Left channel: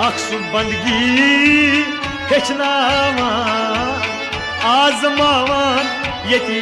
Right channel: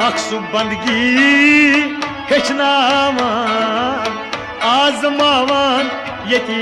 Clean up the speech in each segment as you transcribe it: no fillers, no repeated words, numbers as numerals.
अक्सु बंदगी हेचनावान आजमावान यति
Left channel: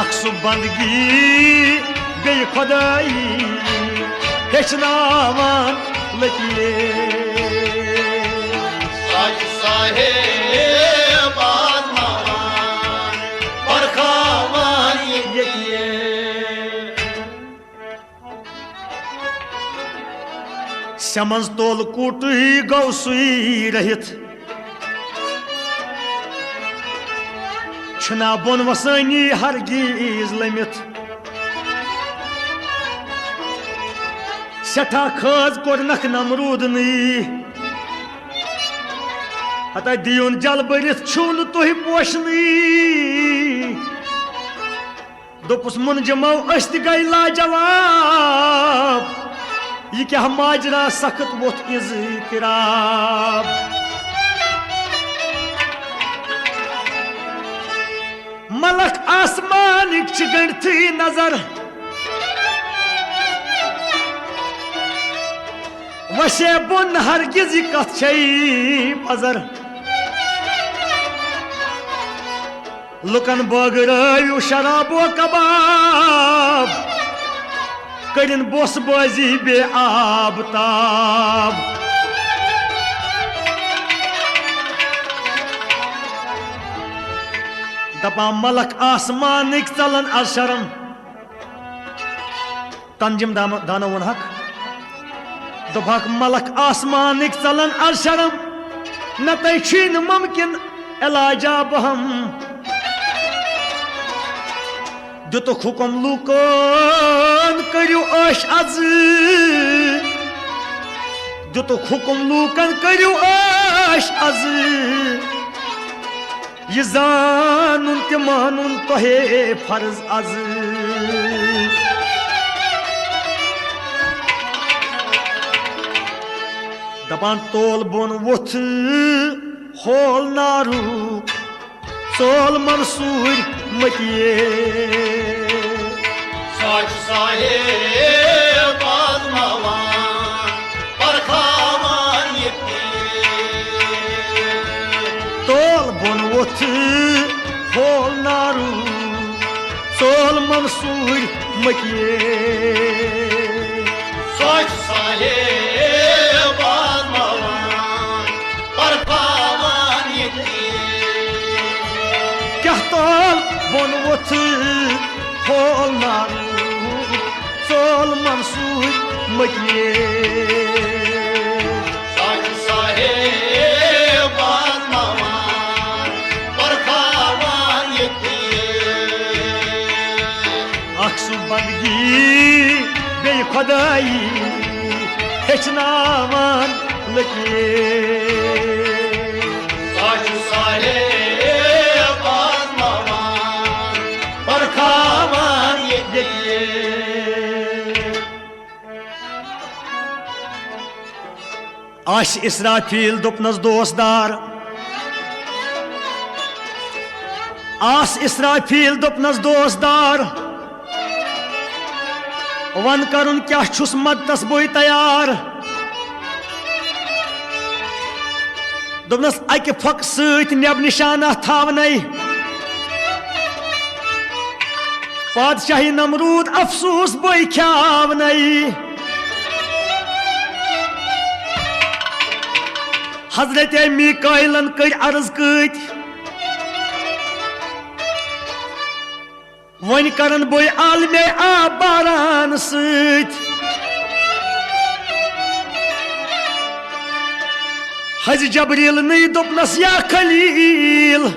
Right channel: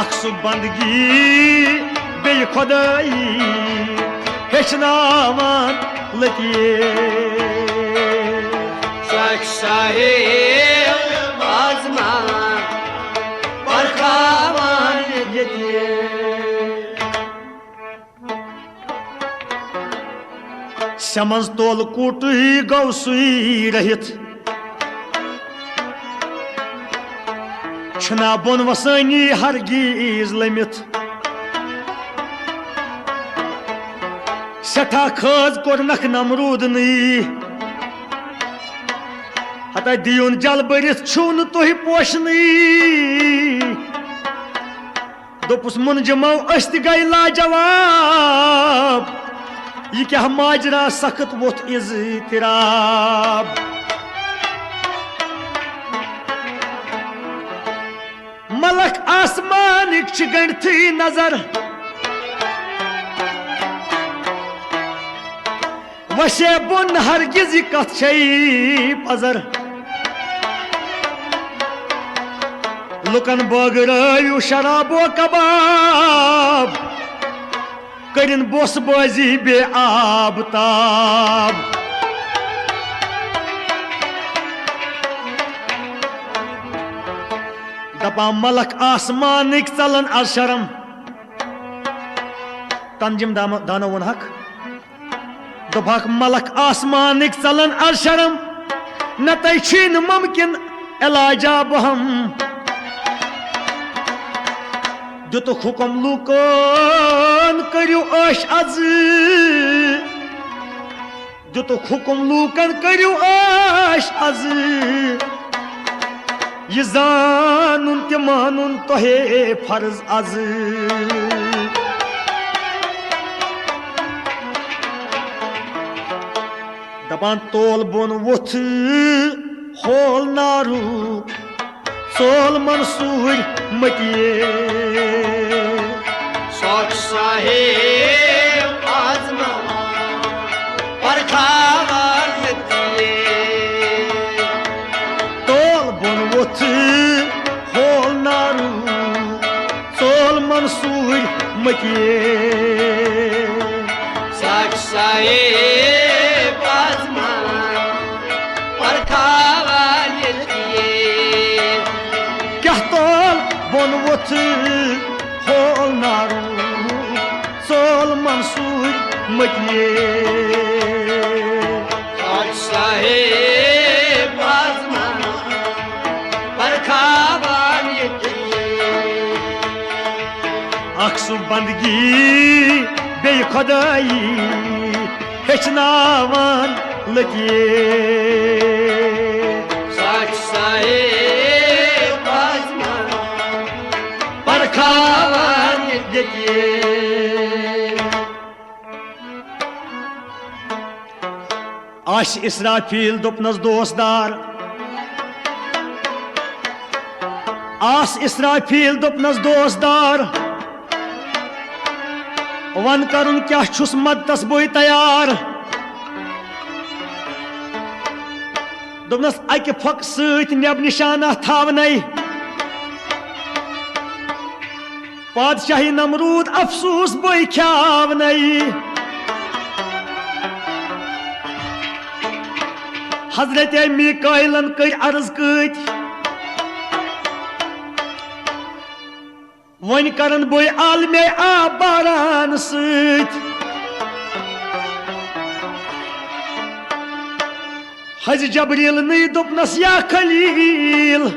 अक्सु बंदगी बे खुदाई हेचनावान लतिये समझ तोल कूट गौ सुई रहित छना बोन वसानी हरगीज लमित सठा खज कोर नख नमरूद नी हता दियुन जल बरित छुन तुहि पोशनी दोपुस मुनजमो अस्त गई लाजवाब ये क्या माजरा सख्त वोथ इज़्तिराब मलक आसमानिक च गणथी नजर वशे बुन हरगिज कथ छई पजर लुकन बगरयु शराबो कबाब करिन बोस बाजी बे आबताब दपा मलक आसमानिक चलन अशरम तंजिम दानो वन हक दपा मलक आसमानिक चलन अशरम न तैन मुमकिन इलाजा बहम दुतुक हुकुम लूकन करियो अश अज दुतुक हुकुम लूकन करियो अश अज ये जानून ते मानून तोहे फर्ज अज दपान तोल बोन वुथ होल नारू सोल मंसूर मतिये तोल बोन वुथ होल नारू सोल मंसूर मतिये तोल बोन वुथ होल नारू सोल मंसूर मतिये अक्सु बंदगी बे खुदाई हेचनावान लतिये आश इसराफील दुपनस दोस्तदार आस इसराफील दुपनस दोस्तदार वन करुन क्या छुस मदतस बोई तैयार दुपनस अक फक सत नब निशाना थावनै पादशाही नमरूद अफसूस बोई ख्यावनै हजरत मीकाइलन कर अर्ज कत वन करन बोई आलमे आब बारान सत हज जबरील नई दोपनस या खलील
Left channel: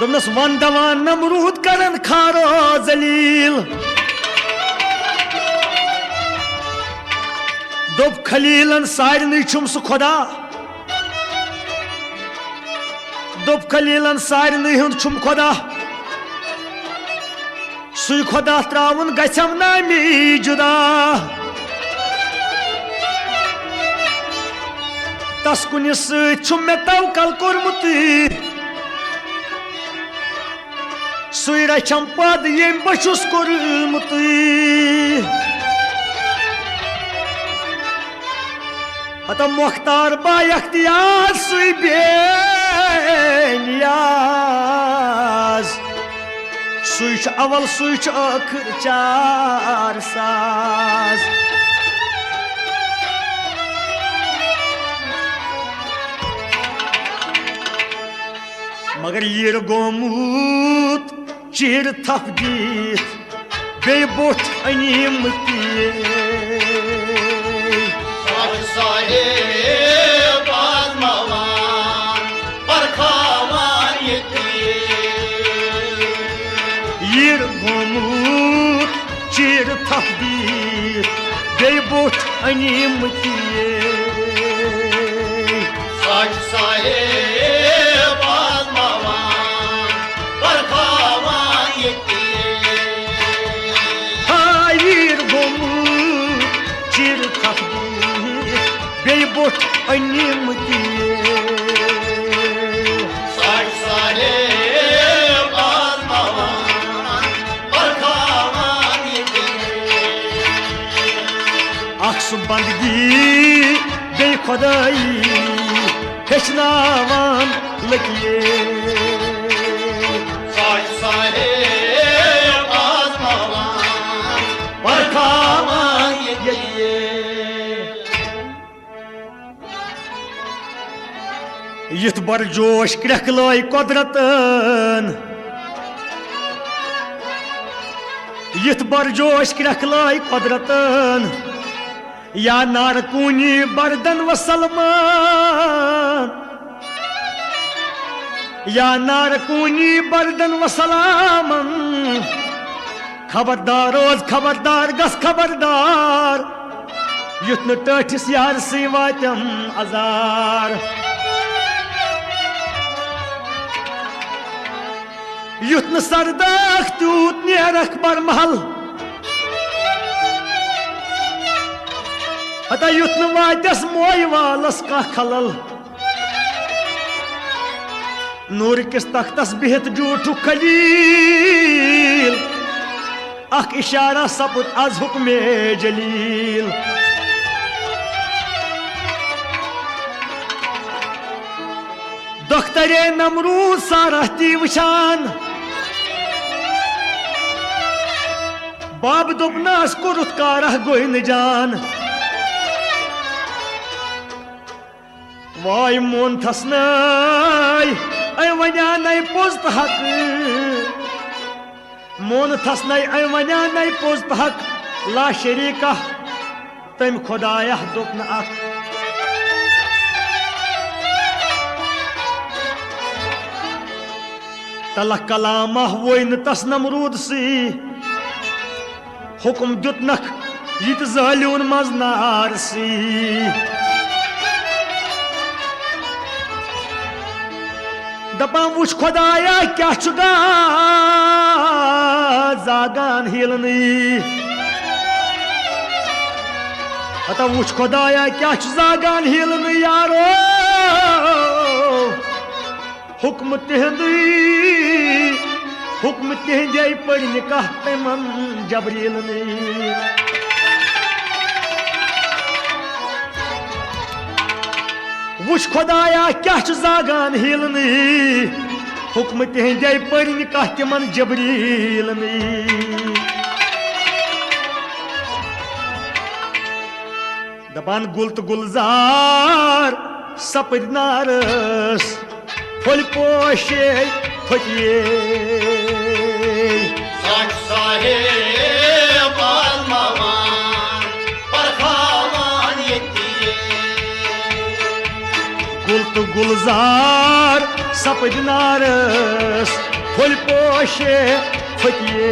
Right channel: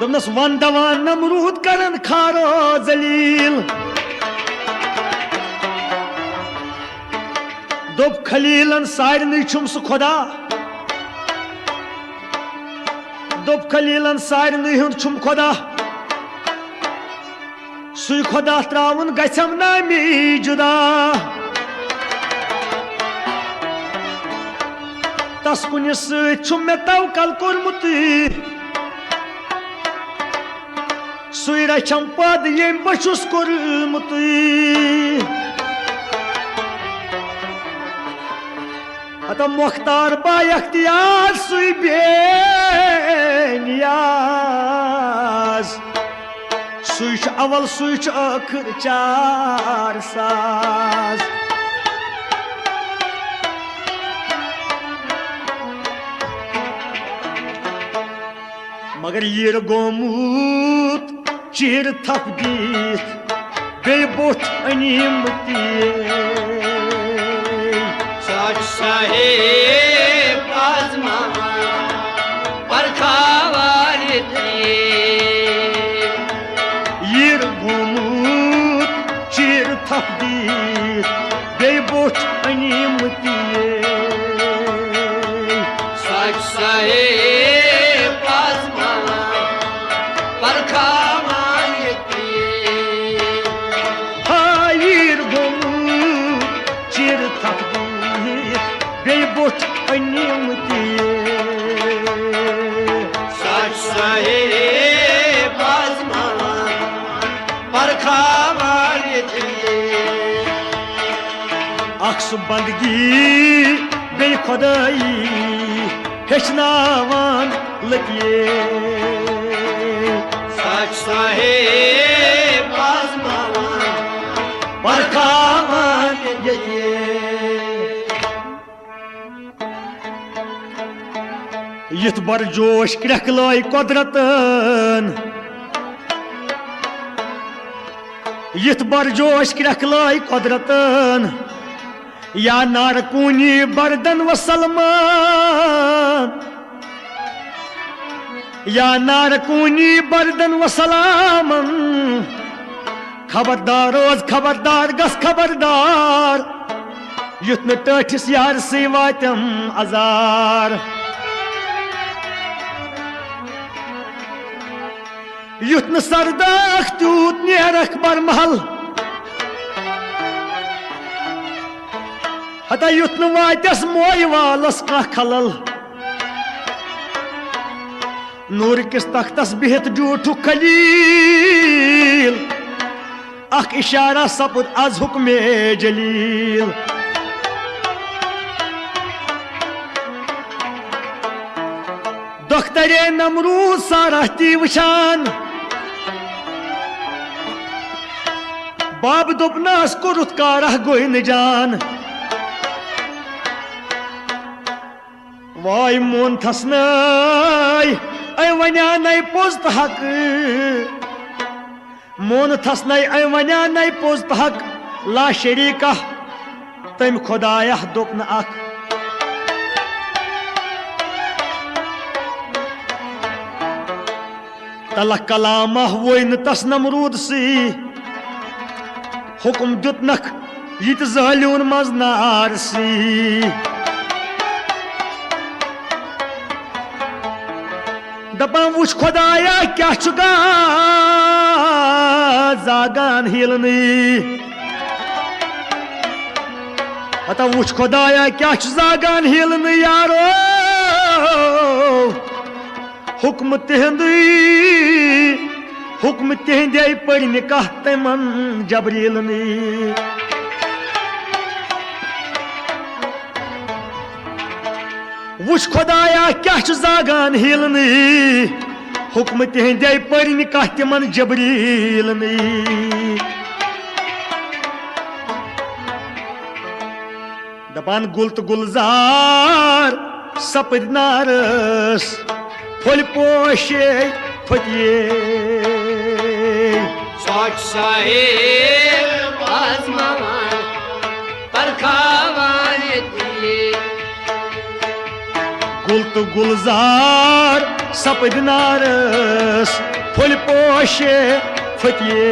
दोपनस वन दवान नमरूद करन खारो जलील दोप खलीलन सारन छुम सह खुदा दोप खलीलन सारन हुंद छुम खुदा सुई खुदा त्रावन गछम नामी जुदा तस कुन सु मे तवकल कोर्मुत सुई रछम पद यम बछुस कोर्मुत अत मुख्तार बा अख्तियार सुई बेनियाज सुई अवल सुई आखिर चार साज मगर यीर गोमूत चीर थप दीत बे बोठ अनीम यीर गोमूत चीर थप दीत बे बोठ अनीम बे बोठ अनीम अक्स बंदगी बे खुदाई हेचनावान लकिए परखावान यतिए यथ बर जोश क्रखलाई कुदरतन यथ बर जोश क्रखलाई कुदरतन या नारकूनी बरदन व सलमान या नारकूनी बरदन व सलामन खबरदार रोज खबरदार गस खबरदार युथ न टठिस यार सी वातम अजार युथ न सरदाख तूत नेरख बरमहल हता युथ न वातस मोय वालस का खलल नूर किस तख्तस बिहत जूठु खलील अख इशारा सपुत आज हुक्मे जलील दख्तरे नमरूद सारहती वशान बाब दोपनास कुरुत कारह गोइन जान वाय मोन थसनाय ऐ वन्या नय पोस्ट हक मोन थसनाय ऐ वन्या नय पोस्ट हक ला शरीका तम खुदाया दोपन अख तलह कलामा वोन तस नमरूद सी हुक्म दुतनख यत जालियोन मज नार सी दपान वुच खुदाया क्या जागान हिलनी हता वुच खुदाया क्या जागान हिलनी यारो हुक्म तिहंदे पढ़ निकाह तमन जबरील वुच खुदाया क्या जागान हिलनी हुक्म तिहंदे पढ़ निकाह तमन जबरील दपान गुल तो गुलजार सपद नारस फुल पोशे फटिए गुल तो गुलजार सपद नारस फुल पोशे फटिए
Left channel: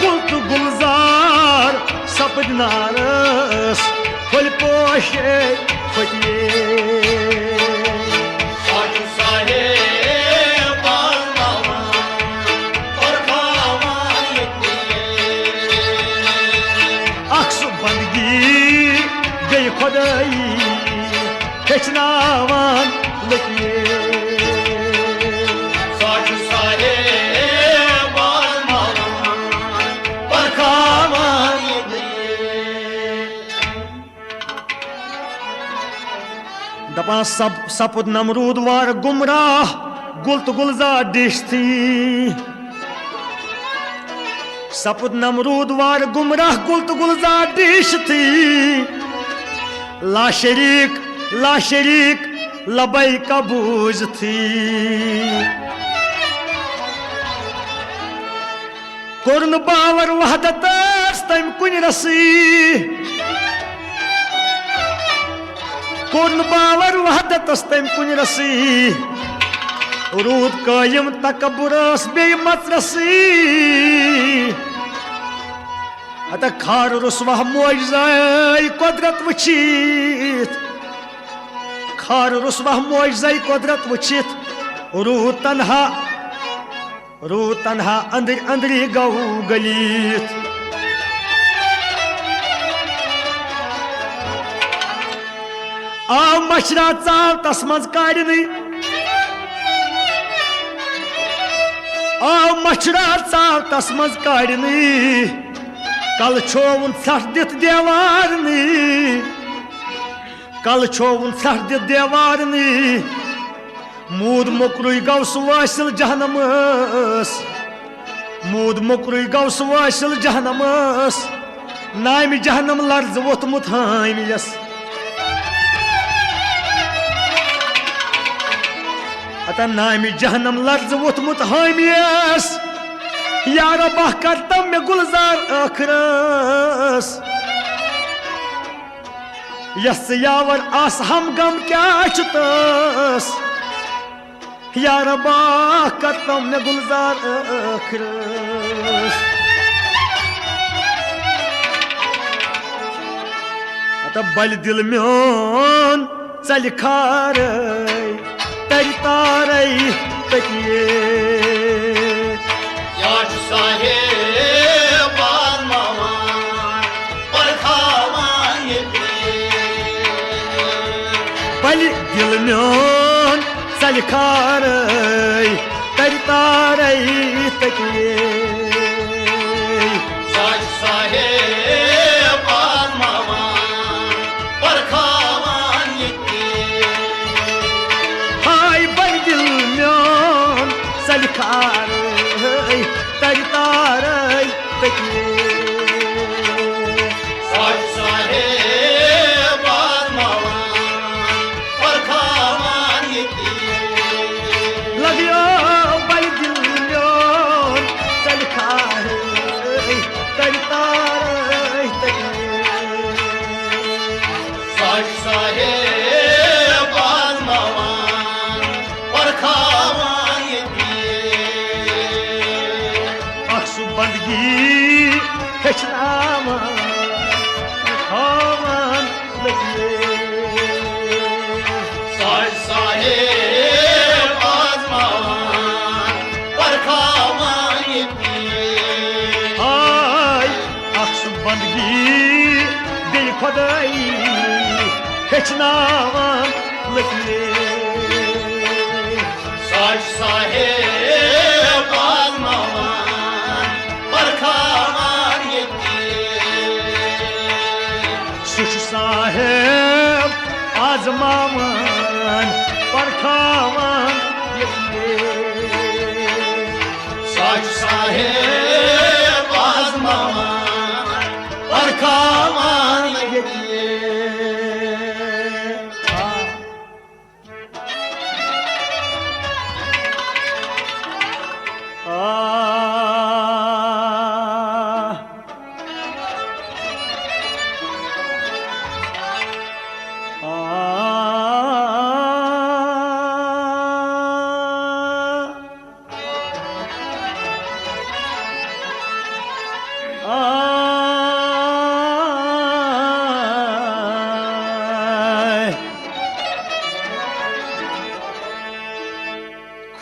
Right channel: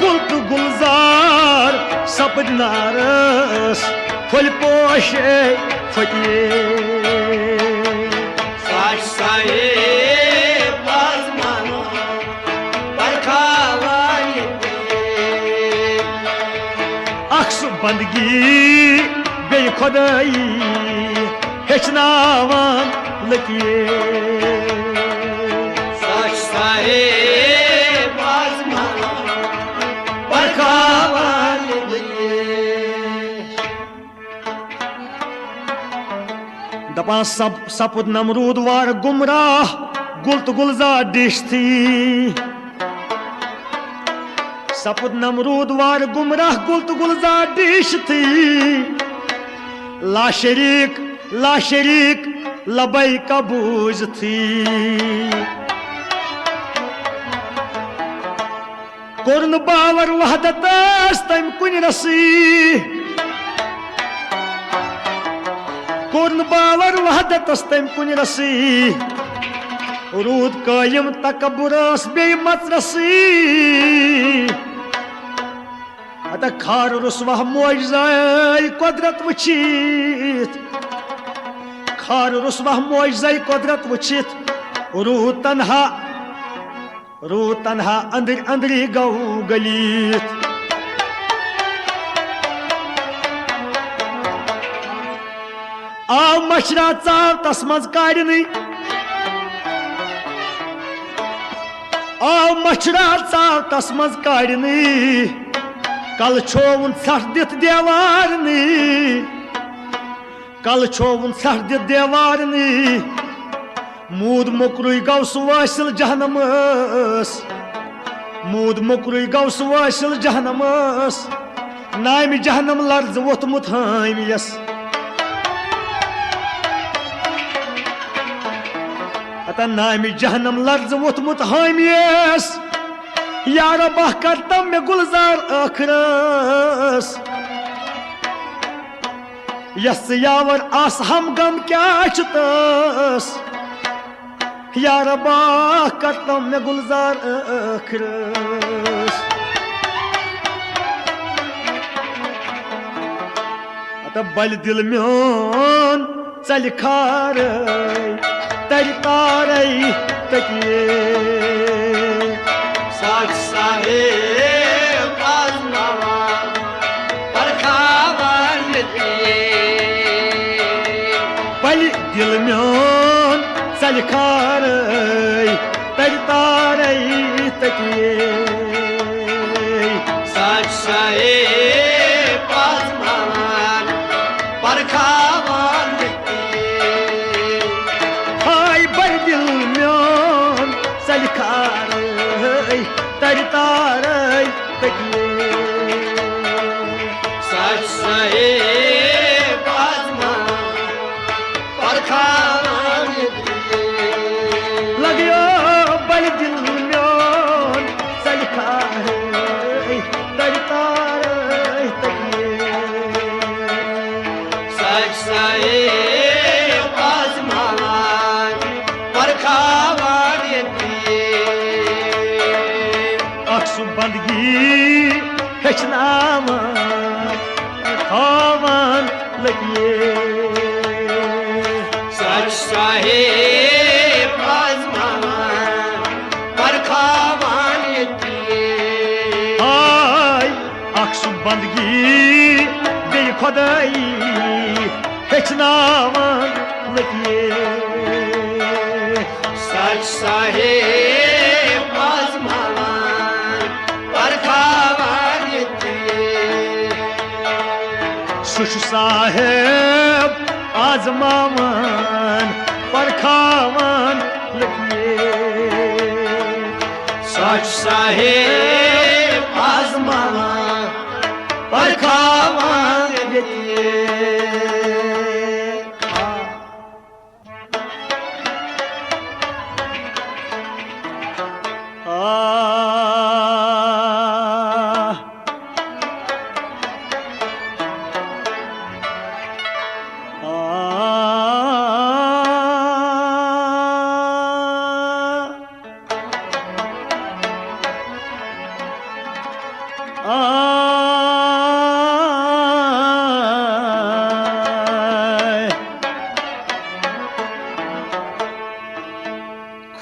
गुल तो गुलजार सपद नारस फुल पोशे फटिए बंदगी गई खुदाई हेचनावान लकीर दपान सपुद नमरूद वार गुमराह गुल तो गुलजार डिश थी सपुद नमरूद वार गुमराह गुल तो गुलजार डिश थी ला शरीक लबई कबूज थी कुर्न बावर वहदत तम कुन रसी कुर्न बावर वहदत तम कुन रसी रूद कायम तकबुरस बे मत रसी अत खार रुसवा मोजाई कुदरत वचित खार रुसवा मोजाई कुदरत वचित रूद तन्हा अंदरी गौ गलीत आव मशरा चाव तस्मज काड़नी आव मशरा चाव तस्मज काड़नी कल छोवन सठ दित देवारनी कल छोवन सठ दित देवारनी मूद मुकरुई गौ वासिल जहनमस मूद मुकरुई गौ वासिल जहनमस नाम जहनम लर्ज वोथमुत हामियस अतः नाम जहनम लर्ज वोथमुत हामियस यार बह करतम में गुलजार आखरस यस यावर आस हम गम क्या चुतस यार बह करतम में गुलजार आखरस अतः बल दिल म्योन चल खार तरी तारई तकिए बल दिल म्योन चल खार तरी तारई तकिए सलखार तरी तारई तकिए लगियो बल दिल म्योन सलखार तरी तारई तकिए बंदगी हेचनावान खावान लगिए आय अक्सु बंदगी बे खुदाई हेचनावान लगिए सुख साहेब आजमावन परखावन लगिए सच साहेब आजमावन परखावन लगिए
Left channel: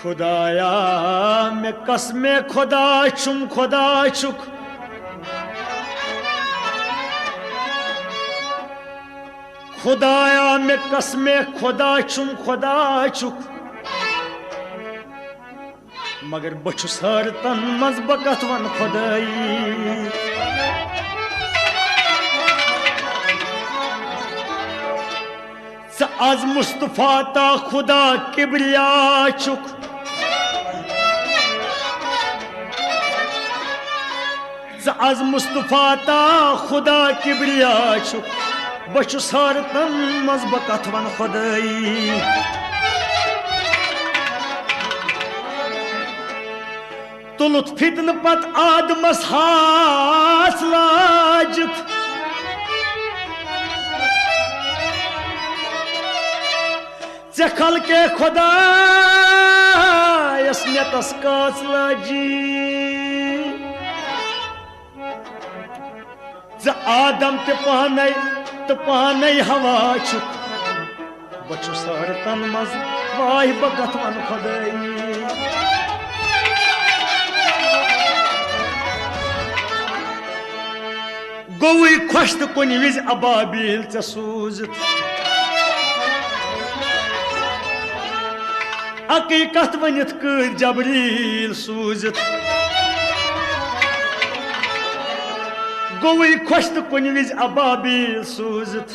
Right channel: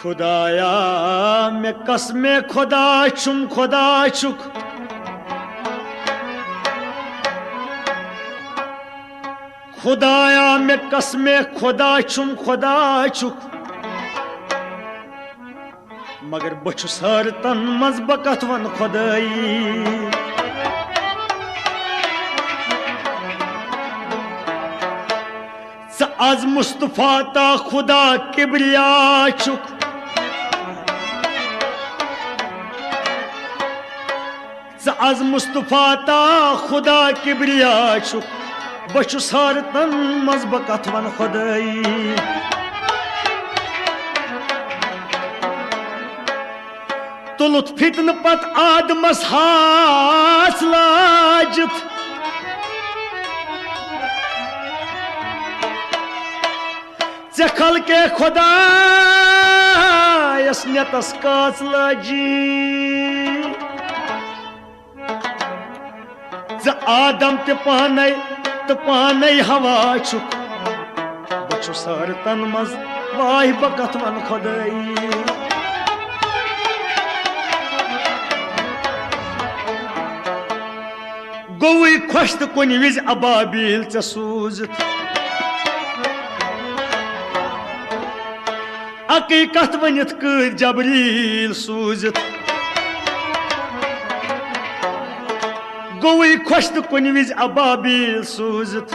खुदाया मैं कसमे खुदा चुम खुदा चुक खुदाया मे कसमे खुदा छुम खुदा छुक मगर बछुस हरतन मज बकत वन खुदाई आज मुस्तफा ता खुदा किबरिया चुक आज मुस्तफा ता खुदा किबरिया चुक बचुस हरतन मज बकत वन खुदाई तुलुत फितन पत आदमस हास लाजत चखल के खुदा यसनेतस कास लाजी आदम ते पाने हवा छुक बचुस हरतन मज वाह बकत वन खुदाई गोई खुश तो कुन विज अबाबिल च सूजत हकीकत वनित कर जबरील सूजत गोई खुश तो कुन विज अबाबिल सूजत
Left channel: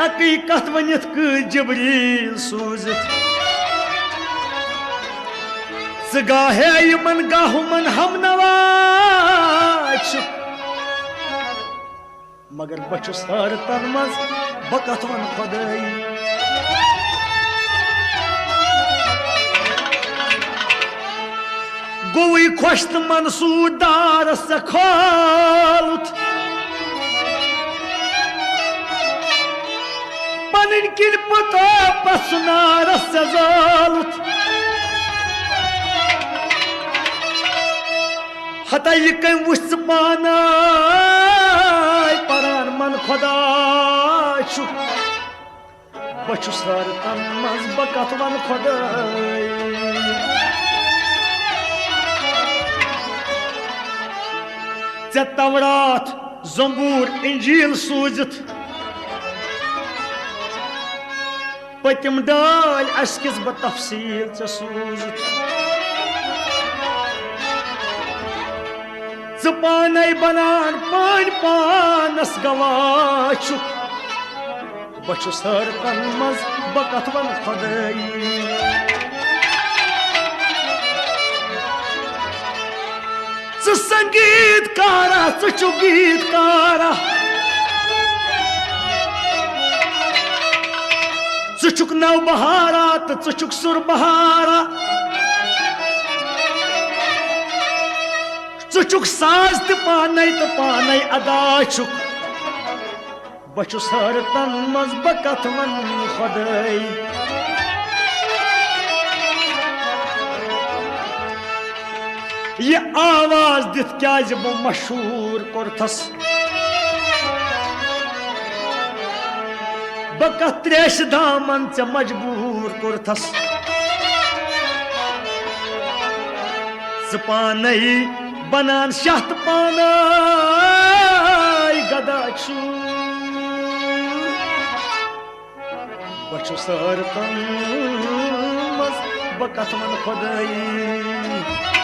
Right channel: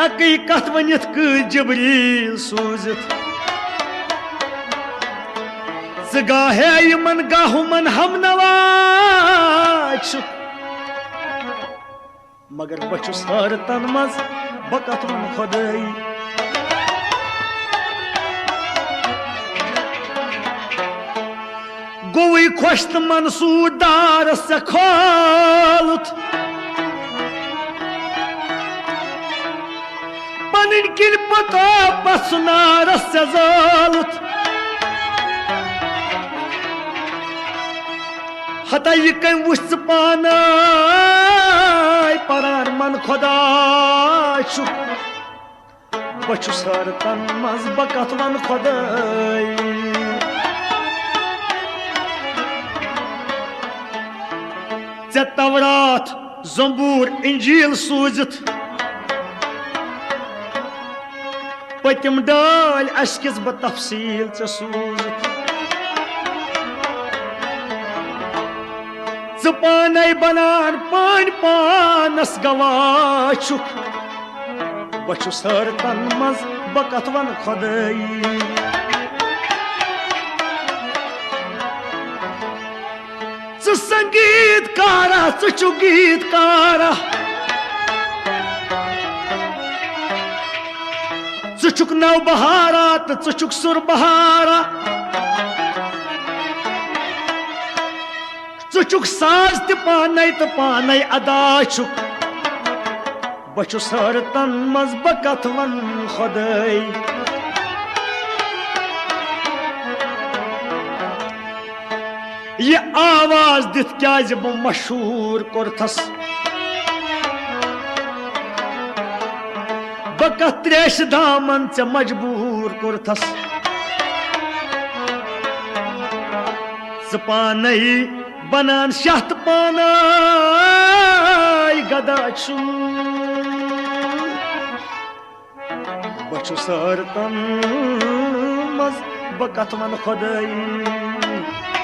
हकीकत वनित कर जबरील सूजत गाहे यमन गाहुमन हम नवाज मगर बचुस हरतन मज बकत वन खुदाई गोई खुश तो मंसूर दार से खोलत पनिन किन पता पसनार से जालत हता ये कहीं वुस्त पाना परान मन खुदा चुक बचुस हरतन मज बकत वन खुदाई चे तवरात जंबूर इंजील सूजत पतिम डाल अशकिस ब तफसील चे सूजत पाने बनान पान पानस गवाचुक बचुस हरतन मज बकत वन खुदाई संगीत कारा चु गीत कारा चुक नव बहारा तो चुक सुर बहारा चुक साज तो पाने अदा चुक बचुस हरतन मज बकत वन खुदाई ये आवाज दित क्या जब मशहूर कोरथस बकत त्रेश दामन च मजबूर कोरथस पाने बनान शहत पाना गदा छु बचुस हरतन मज बकत वन खुदाई